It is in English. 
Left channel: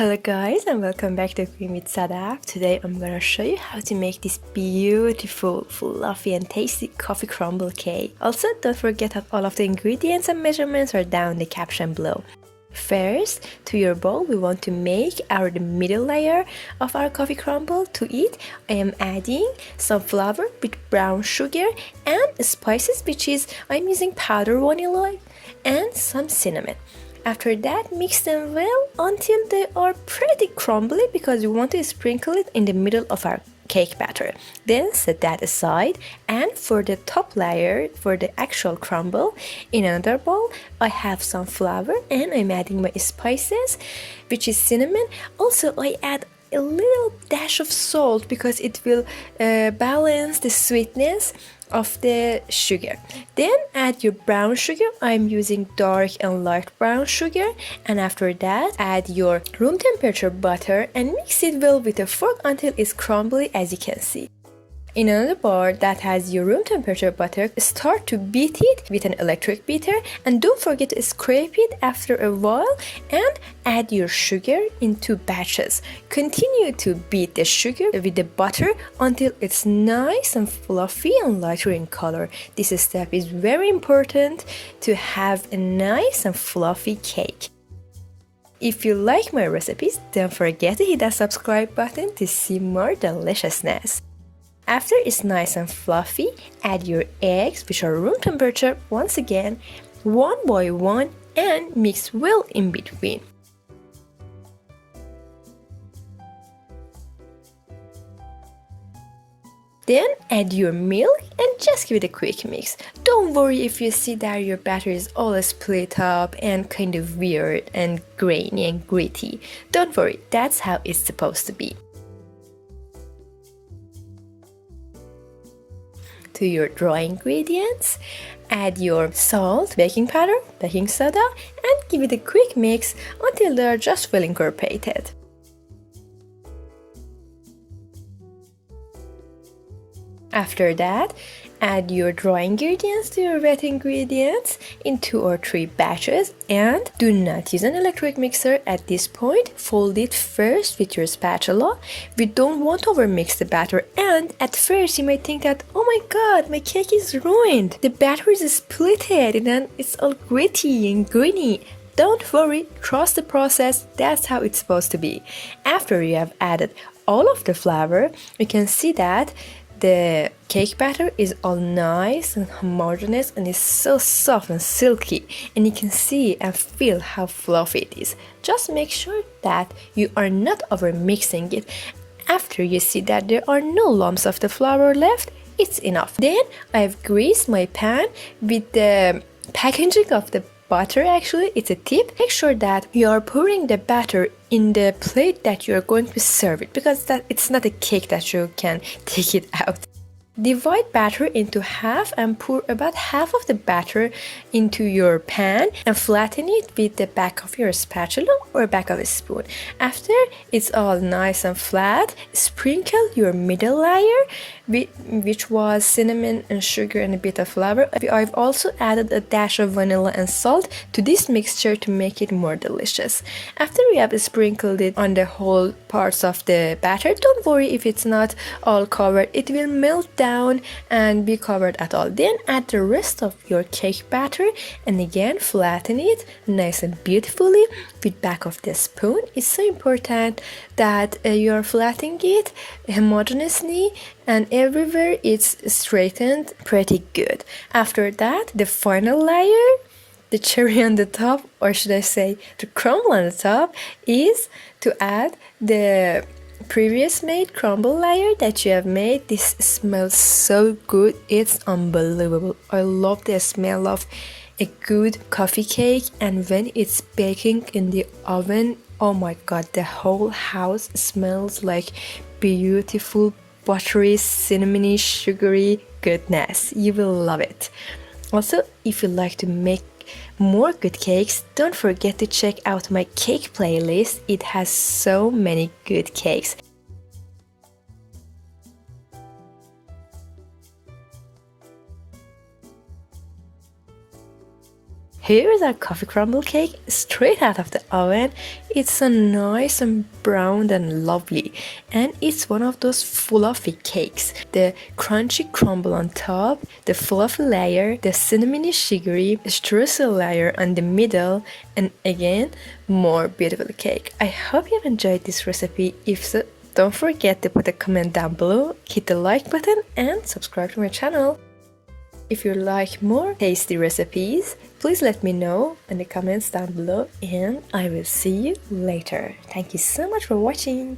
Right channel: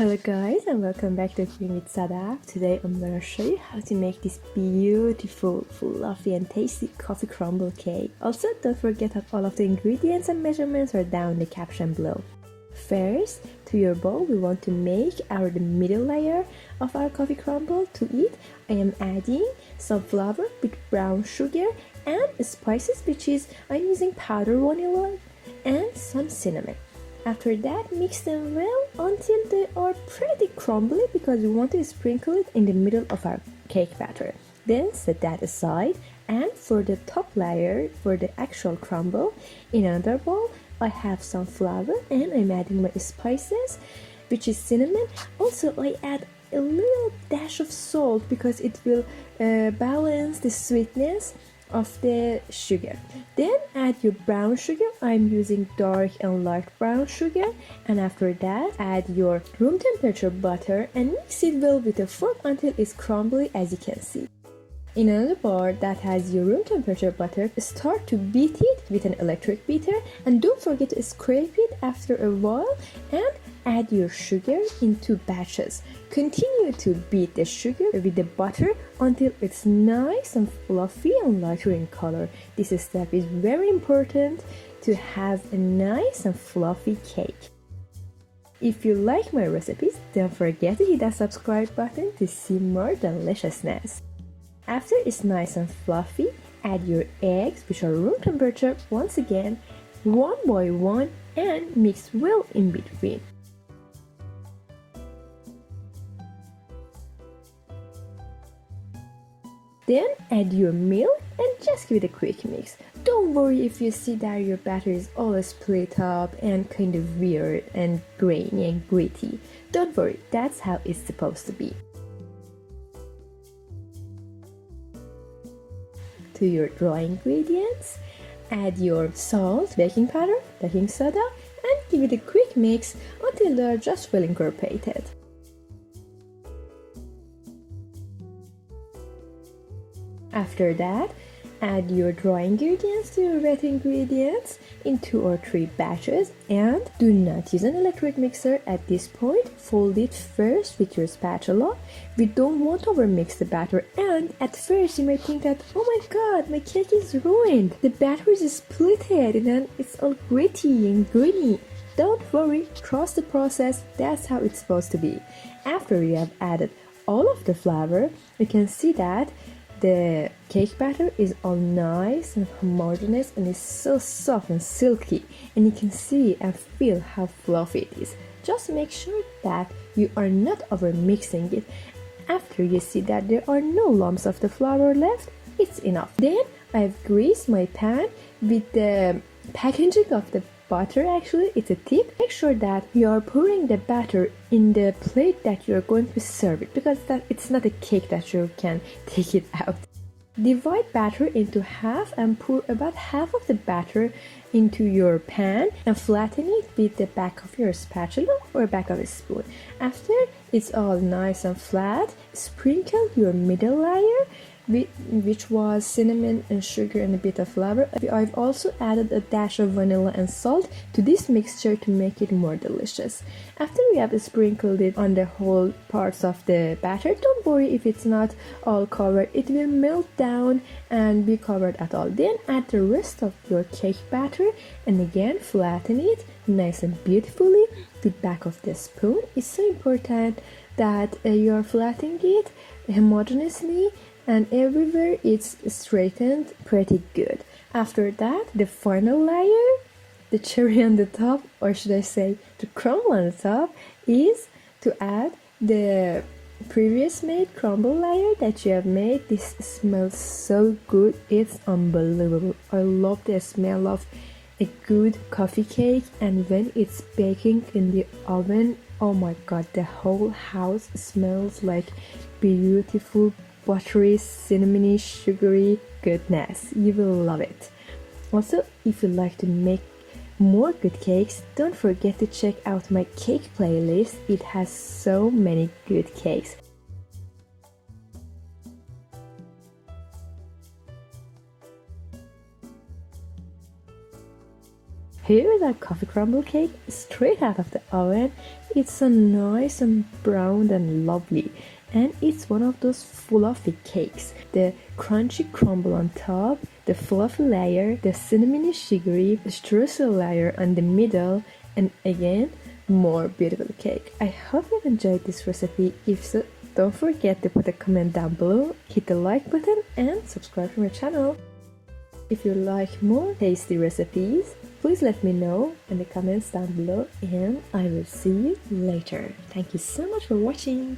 Hello guys and welcome back to Cream with Sadaf. Today I'm going to show you how to make this beautiful, fluffy and tasty coffee crumble cake. Also, don't forget that all of the ingredients and measurements are down in the caption below. First, to your bowl we want to make the middle layer of our coffee crumble. To it, I am adding some flour with brown sugar and spices, which is I'm using powdered vanilla and some cinnamon. After that, mix them well until they are pretty crumbly because we want to sprinkle it in the middle of our cake batter. Then set that aside, and for the top layer, for the actual crumble, in another bowl I have some flour and I'm adding my spices, which is cinnamon. Also I add a little dash of salt because it will balance the sweetness of the sugar. Then add your brown sugar. I'm using dark and light brown sugar, and after that add your room temperature butter and mix it well with a fork until it's crumbly, as you can see. In another bowl that has your room temperature butter, start to beat it with an electric beater, and don't forget to scrape it after a while, and add your sugar in 2 batches. Continue to beat the sugar with the butter until it's nice and fluffy and lighter in color. This step is very important to have a nice and fluffy cake. If you like my recipes, don't forget to hit that subscribe button to see more deliciousness. After it's nice and fluffy, add your eggs, which are room temperature, once again, one by one, and mix well in between. Then add your milk and just give it a quick mix. Don't worry if you see that your batter is all split up and kind of weird and grainy and gritty. Don't worry, that's how it's supposed to be. To your dry ingredients, add your salt, baking powder, baking soda, and give it a quick mix until they are just well incorporated. After that, add your dry ingredients to your wet ingredients in 2 or 3 batches, and do not use an electric mixer at this point. Fold it first with your spatula. We don't want to overmix the batter, and at first you might think that, oh my god, my cake is ruined. The batter is splitted and it's all gritty and greeny. Don't worry, trust the process, that's how it's supposed to be. After you have added all of the flour, you can see that the cake batter is all nice and homogeneous and is so soft and silky, and you can see and feel how fluffy it is. Just make sure that you are not over mixing it. After you see that there are no lumps of the flour left, it's enough. Then I've greased my pan with the packaging of the butter. Actually, it's a tip. Make sure that you are pouring the batter in the plate that you are going to serve it, because it's not a cake that you can take it out. Divide batter into half and pour about half of the batter into your pan and flatten it with the back of your spatula or back of a spoon. After it's all nice and flat, sprinkle your middle layer, which was cinnamon and sugar and a bit of flour. I've also added a dash of vanilla and salt to this mixture to make it more delicious. After we have sprinkled it on the whole parts of the batter, don't worry if it's not all covered, it will melt down and be covered at all. Then add the rest of your cake batter and again flatten it nice and beautifully with back of the spoon. It's so important that you're flattening it homogeneously and everywhere it's straightened pretty good. After that, the final layer, the cherry on the top, or should I say the crumble on the top, is to add the previous made crumble layer that you have made. This smells so good, it's unbelievable. I love the smell of a good coffee cake, and when it's baking in the oven, oh my god, the whole house smells like beautiful buttery, cinnamony, sugary goodness. You will love it. Also, if you like to make more good cakes, don't forget to check out my cake playlist. It has so many good cakes. Here is our coffee crumble cake straight out of the oven. It's so nice and brown and lovely, and it's one of those fluffy cakes. The crunchy crumble on top, the fluffy layer, the cinnamony sugary streusel layer on the middle, and again more beautiful cake. I hope you've enjoyed this recipe. If so, don't forget to put a comment down below, hit the like button and subscribe to my channel. If you like more tasty recipes, please let me know in the comments down below, and I will see you later. Thank you so much for watching.